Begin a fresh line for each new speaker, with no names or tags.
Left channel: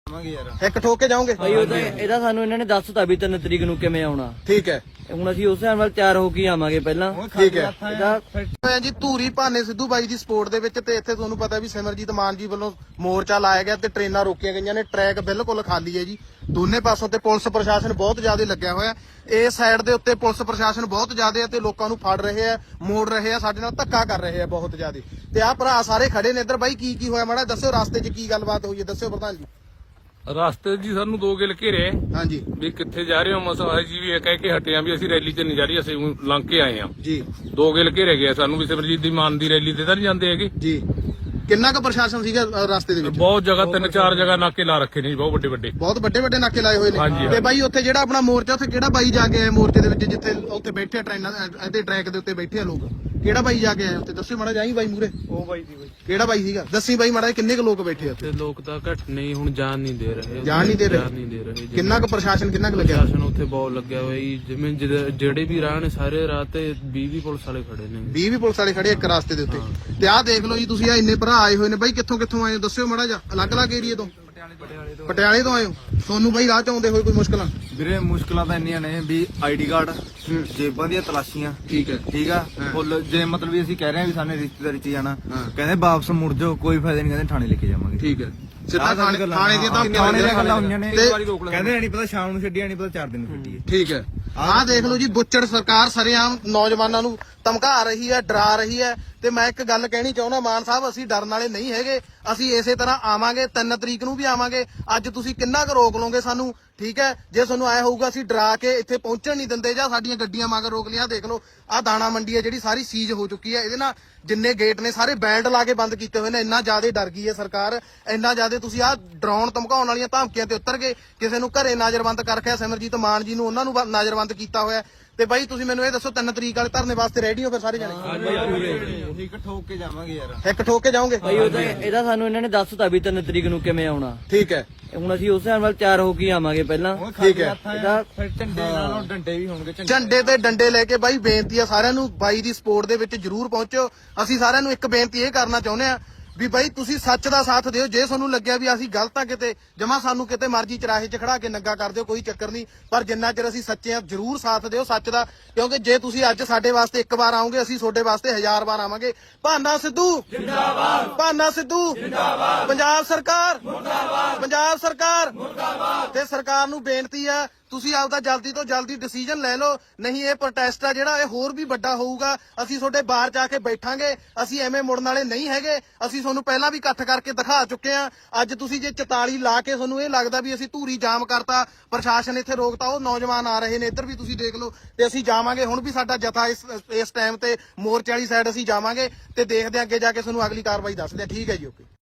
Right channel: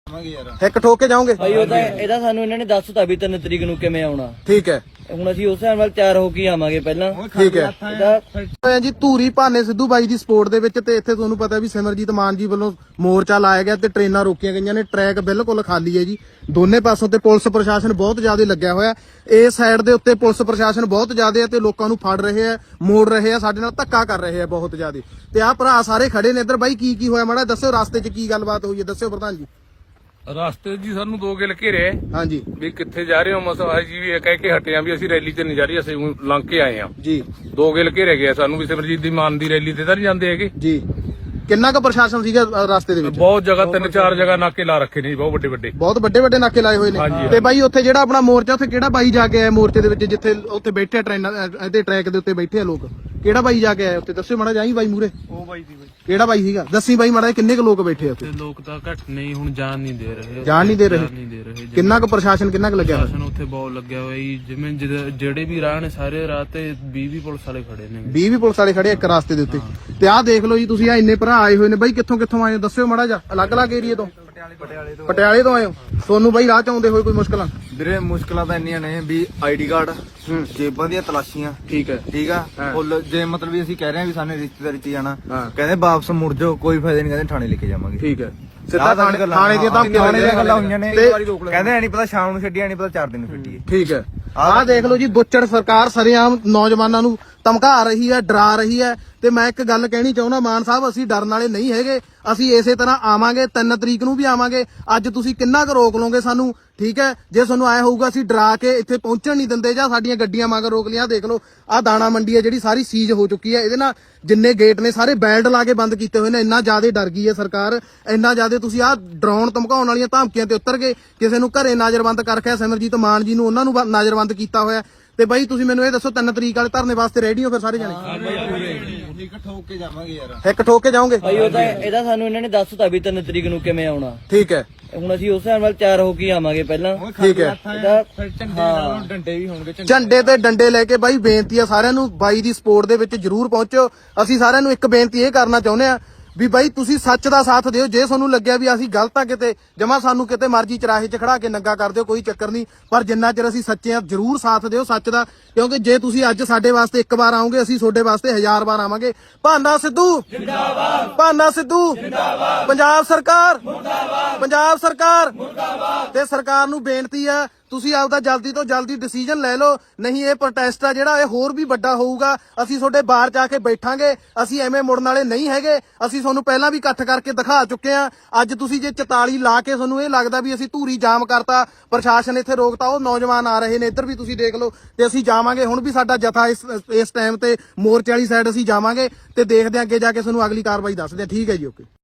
ਇੱਕ ਠੋਕ ਕੇ ਜਾਓਗੇ
ਭਾਈ ਉਹਦਾ ਇਹਦਾ ਸਾਨੂੰ ਇਹਨਾਂ ਨੇ ਦੱਸਤਾ ਵੀ 3 ਤਰੀਕ ਨੂੰ ਕਿਵੇਂ ਆਉਣਾ।
ਠੀਕ ਹੈ,
ਹੁਣ ਅਸੀਂ ਉਸ ਹਿਸਾਬ ਨਾਲ ਤਿਆਰ ਹੋ ਕੇ ਆਵਾਂਗੇ ਪਹਿਲਾਂ।
ਠੀਕ ਹੈ
ਇਹਦਾ
ਜੀ ਧੂਰੀ ਭਾਨੇ ਸਿੱਧੂ ਬਾਈ ਦੀ ਸਪੋਰਟ ਦੇ ਵਿੱਚ ਤੇ ਇੱਥੇ ਤੁਹਾਨੂੰ ਪਤਾ ਵੀ ਸਿਮਰਜੀਤ ਮਾਨ ਜੀ ਵੱਲੋਂ ਮੋਰਚਾ ਲਾਇਆ ਗਿਆ ਤੇ ਟ੍ਰੇਨਾਂ ਰੋਕੀਆਂ ਗਈਆਂ ਨੇ। ਟਰੈਕ ਬਿਲਕੁਲ ਖਾਲੀ ਹੈ ਜੀ ਦੋਨੇ ਪਾਸੋਂ ਤੇ ਪੁਲਿਸ ਪ੍ਰਸ਼ਾਸਨ ਬਹੁਤ ਜ਼ਿਆਦਾ ਲੱਗਿਆ ਹੋਇਆ। ਇਹ ਸਾਈਡ ਦੇ ਉੱਤੇ ਪੁਲਿਸ ਪ੍ਰਸ਼ਾਸਨ ਬਹੁਤ ਜ਼ਿਆਦਾ ਹੈ ਤੇ ਲੋਕਾਂ ਨੂੰ ਫੜ ਰਹੇ ਆ, ਮੋੜ ਰਹੇ ਆ, ਸਾਡੇ ਨਾਲ ਧੱਕਾ ਕਰ ਰਹੇ ਆ ਬਹੁਤ ਜ਼ਿਆਦਾ। ਤੇ ਆਹ ਭਰਾ ਸਾਰੇ ਖੜੇ ਨੇ ਇੱਧਰ। ਬਾਈ ਕੀ ਹੋਇਆ ਮਾੜਾ ਦੱਸਿਓ, ਰਸਤੇ 'ਚ ਕੀ ਗੱਲਬਾਤ ਹੋਈ ਹੈ ਦੱਸਿਓ ਪ੍ਰਧਾਨ ਜੀ।
ਰਸਤੇ ਜੀ ਸਾਨੂੰ 2 ਗਿਲ ਘੇਰੇ
ਹਾਂਜੀ
ਵੀ ਕਿੱਥੇ ਜਾ ਰਹੇ ਹੋ ਮਸਾ ਜੀ ਵੀ ਇਹ ਕਹਿ ਕੇ ਹਟੇ ਆ ਵੀ ਅਸੀਂ ਰੈਲੀ ਤੇ ਨਹੀਂ ਜਾ ਰਹੀ, ਅਸੀਂ ਲੰਘ ਕੇ ਆਏ ਆ
ਜੀ।
2 ਗਿਲ ਘੇਰੇ ਗਏ ਸਾਨੂੰ ਵੀ ਸਿਮਰਜੀਤ ਦੀ ਮਾਨ ਦੀ ਰੈਲੀ ਤੇ ਤਾਂ ਨਹੀਂ ਜਾਂਦੇ ਹੈਗੇ
ਜੀ। ਕਿੰਨਾ ਕੁ ਪ੍ਰਸ਼ਾਸਨ ਸੀਗਾ ਰਸਤੇ ਦੇ ਵਿੱਚ?
ਬਹੁਤ ਜਗ੍ਹਾ 3-4 ਜਗ੍ਹਾ ਨਾਕੇ ਲਾ ਰੱਖੇ ਨੇ ਜੀ, ਬਹੁਤ ਵੱਡੇ ਨਾਕੇ ਲਾਏ ਹੋਏ ਨੇ। ਤੇ ਬਾਈ ਉੱਥੇ ਜਿਹੜਾ ਆਪਣਾ ਮੋਰਚਾ ਉੱਥੇ ਕਿਹੜਾ ਬਾਈ ਜਾ ਕੇ ਆਇਆ ਮੋਰਚੇ ਦੇ ਵਿੱਚ ਜਿੱਥੇ ਉੱਥੇ ਬੈਠੇ ਟ੍ਰੇਨਾਂ ਤੇ ਟਰੈਕ ਦੇ ਉੱਤੇ ਬੈਠੇ ਆ ਲੋਕ? ਕਿਹੜਾ ਬਾਈ ਜਾ ਕੇ ਆਇਆ ਉੱਥੇ ਦੱਸਿਓ ਮਾੜਾ ਜਾਈ ਬਾਈ ਮੂਰੇ।
ਉਹ ਬਾਈ ਦੀ
ਕਿਹੜਾ ਬਾਈ ਸੀਗਾ ਦੱਸੀ ਬਾਈ ਮਾੜਾ ਕਿੰਨੇ ਕੁ ਲੋਕ ਬੈਠੇ ਆ ਉੱਥੇ?
ਲੋਕ ਤਾਂ ਘੱਟ ਨਹੀਂ ਹੁਣ ਜਾਨ ਨਹੀਂ ਦੇ ਰਹੇ।
ਜਾਣ ਨਹੀਂ ਦੇ ਰਹੇ। ਕਿੰਨਾ ਕੁ ਪ੍ਰਸ਼ਾਸਨ ਕਿੰਨਾ ਕੁ ਲੱਗਿਆ
ਪ੍ਰਸ਼ਾਸਨ ਉੱਥੇ ਬਹੁਤ ਲੱਗਿਆ ਹੋਇਆ ਜੀ। ਜਿਵੇਂ ਜਿਹੜੇ ਵੀ ਰਾਹ ਨੇ ਸਾਰੇ ਰਾਹ ਤੇ 20 ਪੁਲਿਸ ਵਾਲੇ ਖੜੇ ਨੇ।
20 ਵੀ ਪੁਲਿਸ ਵਾਲੇ ਖੜੇ ਇੱਕ ਰਸਤੇ ਦੇ ਉੱਤੇ। ਤੇ ਆਹ ਦੇਖ ਲਓ ਜੀ ਤੁਸੀਂ ਆ ਇੰਨੇ ਭਰਾ ਆਏ ਹੋਏ ਨੇ ਬਾਈ। ਕਿੱਥੋਂ ਆਏ ਹੋ ਦੱਸਿਓ ਮਾੜਾ ਜਿਹਾ। ਅਲੱਗ-ਅਲੱਗ ਏਰੀਏ ਤੋਂ? ਪਟਿਆਲੇ ਤੋਂ ਆਏ ਹੋ। ਤੁਹਾਨੂੰ ਬਾਈ ਰਾਹ ਚ ਆਉਂਦੇ ਹੋਏ ਕੋਈ ਮੁਸ਼ਕਲਾਂ?
ਵੀਰੇ ਮੁਸ਼ਕਲਾਂ ਤਾਂ ਇੰਨੀਆਂ ਨੇ ਵੀ ਆਈਡੀ ਕਾਰਡ, ਜੇਬਾਂ ਦੀਆਂ ਤਲਾਸ਼ੀਆਂ।
ਠੀਕ ਹੈ
ਠੀਕ ਆ ਫੁੱਲ। ਜੇ ਮਤਲਬ ਵੀ ਅਸੀਂ ਕਹਿ ਰਹੇ ਹਾਂ ਵੀ ਸਾਨੇ ਰਿਸ਼ਤੇਦਾਰੀ ਚ ਜਾਣਾ, ਕਹਿੰਦੇ ਵਾਪਸ ਮੁੜ ਜਾਓ, ਕੋਈ ਫਾਇਦਾ ਨਹੀਂ, ਕਹਿੰਦੇ ਥਾਣੇ ਲੈ ਕੇ ਜਾਵਾਂਗੇ।
ਠੀਕ ਹੈ ਸਿੱਧਾ ਥਾਣੇ ਦੀਆਂ
ਗੱਲਾਂ ਹੋਈਆਂ ਨੇ। ਕਹਿੰਦੇ ਨਹੀਂ ਪਤਾ ਸ਼ਾਮ ਨੂੰ ਛੱਡੀਆਂ, ਨਹੀਂ ਪਤਾ 4 ਦਿਨ ਨੂੰ ਛੱਡੀਏ।
ਠੀਕ ਹੈ ਆਹ ਦੇਖ ਲਓ ਜੀ ਬੁੱਚੜ ਸਰਕਾਰ ਸਰੇਆਮ ਨੌਜਵਾਨਾਂ ਨੂੰ ਧਮਕਾ ਰਹੀ ਹੈ, ਡਰਾ ਰਹੀ ਹੈ। ਤੇ ਮੈਂ ਇੱਕ ਗੱਲ ਕਹਿਣੀ ਚਾਹੁੰਦਾ ਮਾਨ ਸਾਹਿਬ, ਅਸੀਂ ਡਰਨ ਵਾਲੇ ਨਹੀਂ ਹੈਗੇ। ਅਸੀਂ ਇਸੇ ਤਰ੍ਹਾਂ ਆਵਾਂਗੇ 3 ਤਰੀਕ ਨੂੰ ਵੀ ਆਵਾਂਗੇ। ਅੱਜ ਤੁਸੀਂ ਕਿੰਨਾ ਕੁ ਰੋਕ ਲਓਗੇ ਸਾਨੂੰ? ਠੀਕ ਹੈ ਜੇ ਤੁਹਾਨੂੰ ਆਇਆ ਹੋਊਗਾ ਅਸੀਂ ਡਰਾ ਕੇ ਇੱਥੇ ਪਹੁੰਚਣ ਨਹੀਂ ਦਿੰਦੇ ਜਾਂ ਸਾਡੀਆਂ ਗੱਡੀਆਂ ਮਗਰ ਰੋਕ ਲਿਆ। ਦੇਖ ਲਓ ਆਹ ਦਾਣਾ ਮੰਡੀ ਹੈ ਜਿਹੜੀ ਸਾਰੀ ਸੀਜ਼ ਹੋ ਚੁੱਕੀ ਹੈ। ਇਹਦੇ ਨਾਲ ਜਿੰਨੇ ਗੇਟ ਨੇ ਸਾਰੇ ਬੈਲਟ ਲਾ ਕੇ ਬੰਦ ਕੀਤੇ ਹੋਏ ਨੇ। ਇੰਨਾ ਜ਼ਿਆਦਾ ਡਰ ਗਈ ਹੈ ਸਰਕਾਰ, ਇੰਨਾ ਜ਼ਿਆਦਾ ਤੁਸੀਂ ਆਹ ਡਰਾਉਣ ਧਮਕਾਉਣ ਵਾਲੀਆਂ ਧਮਕੀਆਂ ਤੇ ਉਤਰ ਗਏ। ਕਿਸੇ ਨੂੰ ਘਰੇ ਨਜ਼ਰਬੰਦ ਕਰਕੇ ਸਿਮਰਜੀਤ ਮਾਨ ਜੀ ਨੂੰ ਉਹਨਾਂ ਨੂੰ ਨਜ਼ਰਬੰਦ ਕੀਤਾ ਹੋਇਆ। ਤੇ ਬਾਈ ਤੁਸੀਂ ਮੈਨੂੰ ਇਹ ਦੱਸੋ 3 ਤਰੀਕ ਵਾਲੇ ਧਰਨੇ ਵਾਸਤੇ ਰੈਡੀ ਹੋ ਫਿਰ ਸਾਰੇ ਜਣੇ?
ਇੱਕ ਠੋਕ ਕੇ ਜਾਵਾਂਗੇ ਯਾਰ।
ਇੱਕ ਠੋਕ ਕੇ ਜਾਓਗੇ?
ਭਾਈ ਉਹਦਾ ਇਹਦਾ ਸਾਨੂੰ ਇਹਨਾਂ ਨੇ ਦੱਸਤਾ ਵੀ 3 ਤਰੀਕ ਨੂੰ ਕਿਵੇਂ ਆਉਣਾ।
ਠੀਕ ਹੈ
ਹੁਣ ਅਸੀਂ ਉਸ ਹਿਸਾਬ ਨਾਲ ਤਿਆਰ ਹੋ ਕੇ ਆਵਾਂਗੇ ਪਹਿਲਾਂ।
ਠੀਕ ਹੈ
ਇਹਦਾ
ਡੰਡੇ ਵੀ ਹੋਣਗੇ।
ਝੰਡੇ ਤੇ ਡੰਡੇ ਲੈ ਕੇ ਬਾਈ ਬੇਨਤੀ ਆ ਸਾਰਿਆਂ ਨੂੰ ਬਾਈ ਦੀ ਸਪੋਰਟ ਦੇ ਵਿੱਚ ਜਰੂਰ ਪਹੁੰਚੋ। ਅਸੀਂ ਸਾਰਿਆਂ ਨੂੰ ਇੱਕ ਬੇਨਤੀ ਇਹ ਕਰਨਾ ਚਾਹੁੰਦੇ ਆ ਵੀ ਬਾਈ ਤੁਸੀਂ ਸੱਚ ਦਾ ਸਾਥ ਦਿਓ। ਜੇ ਤੁਹਾਨੂੰ ਲੱਗਿਆ ਵੀ ਅਸੀਂ ਗਲਤ ਆ ਕਿਤੇ ਜਮਾ ਸਾਨੂੰ ਕਿਤੇ ਮਰਜ਼ੀ ਚਰਾਹੇ 'ਚ ਖੜਾ ਕੇ ਨੰਗਾ ਕਰ ਦਿਓ, ਕੋਈ ਚੱਕਰ ਨਹੀਂ। ਪਰ ਜਿੰਨਾ ਚਿਰ ਅਸੀਂ ਸੱਚੇ ਆ ਜਰੂਰ ਸਾਥ ਦਿਓ ਸੱਚ ਦਾ। ਕਿਉਂਕਿ ਜੇ ਤੁਸੀਂ ਅੱਜ ਸਾਡੇ ਵਾਸਤੇ ਇੱਕ ਵਾਰ ਆਓਗੇ ਅਸੀਂ ਤੁਹਾਡੇ ਵਾਸਤੇ 1000 ਵਾਰ ਆਵਾਂਗੇ। ਭਾਨਾ ਸਿੱਧੂ ਜਿੰਦਾਬਾਦ, ਭਾਨਾ ਸਿੱਧੂ ਜਿੰਦਾਬਾਦ, ਪੰਜਾਬ ਸਰਕਾਰ ਮੁਰਦਾਬਾਦ, ਪੰਜਾਬ ਸਰਕਾਰ ਮੁਰਦਾਬਾਦ। ਤੇ ਸਰਕਾਰ ਨੂੰ ਬੇਨਤੀ ਆ ਤੁਸੀਂ ਆਪਦਾ ਜਲਦੀ ਤੋਂ ਜਲਦੀ ਡਿਸੀਜਨ ਲੈ ਲਓ, ਨਹੀਂ ਇਹ ਪ੍ਰੋਟੈਸਟ ਆ ਜਿਹੜਾ ਇਹ ਹੋਰ ਵੀ ਵੱਡਾ ਹੋਊਗਾ। ਅਸੀਂ ਤੁਹਾਡੇ ਬਾਹਰ ਜਾ ਕੇ ਬੈਠਾਂਗੇ। ਅਸੀਂ ਐਵੇਂ ਮੁੜਨ ਵਾਲੇ ਨਹੀਂ ਹੈਗੇ। ਅਸੀਂ ਤੁਹਾਨੂੰ ਪਹਿਲਾਂ ਵੀ ਇਕੱਠ ਕਰਕੇ ਦਿਖਾ ਚੁੱਕੇ ਆ। ਅੱਜ ਤੁਸੀਂ ਜੇ 44 ਲਾ ਕੇ ਤੁਹਾਨੂੰ ਇਹ ਲੱਗਦਾ ਵੀ ਅਸੀਂ ਧੂਰੀ ਜਾਮ ਕਰਤਾ, ਪ੍ਰਸ਼ਾਸਨ ਇੱਥੇ ਰੋਕਤਾ, ਉਹ ਨੌਜਵਾਨ ਆ ਰਹੇ ਨੇ ਇੱਧਰ ਵੀ ਤੁਸੀਂ ਦੇਖ ਲਓ। ਤੇ ਅਸੀਂ ਜਾਵਾਂਗੇ ਹੁਣ ਵੀ ਸਾਡਾ ਜਥਾ ਇਸ ਟਾਈਮ ਤੇ ਮੋਰਚੇ ਵਾਲੀ ਸਾਈਡ ਅਸੀਂ ਜਾਵਾਂਗੇ ਤੇ ਦੇਖਦੇ ਆ ਅੱਗੇ ਜਾ ਕੇ ਤੁਹਾਨੂੰ ਅਗਲੀ ਕਾਰਵਾਈ ਦੱਸਦੇ ਆ। ਠੀਕ ਹੈ ਜੀ ਓਕੇ।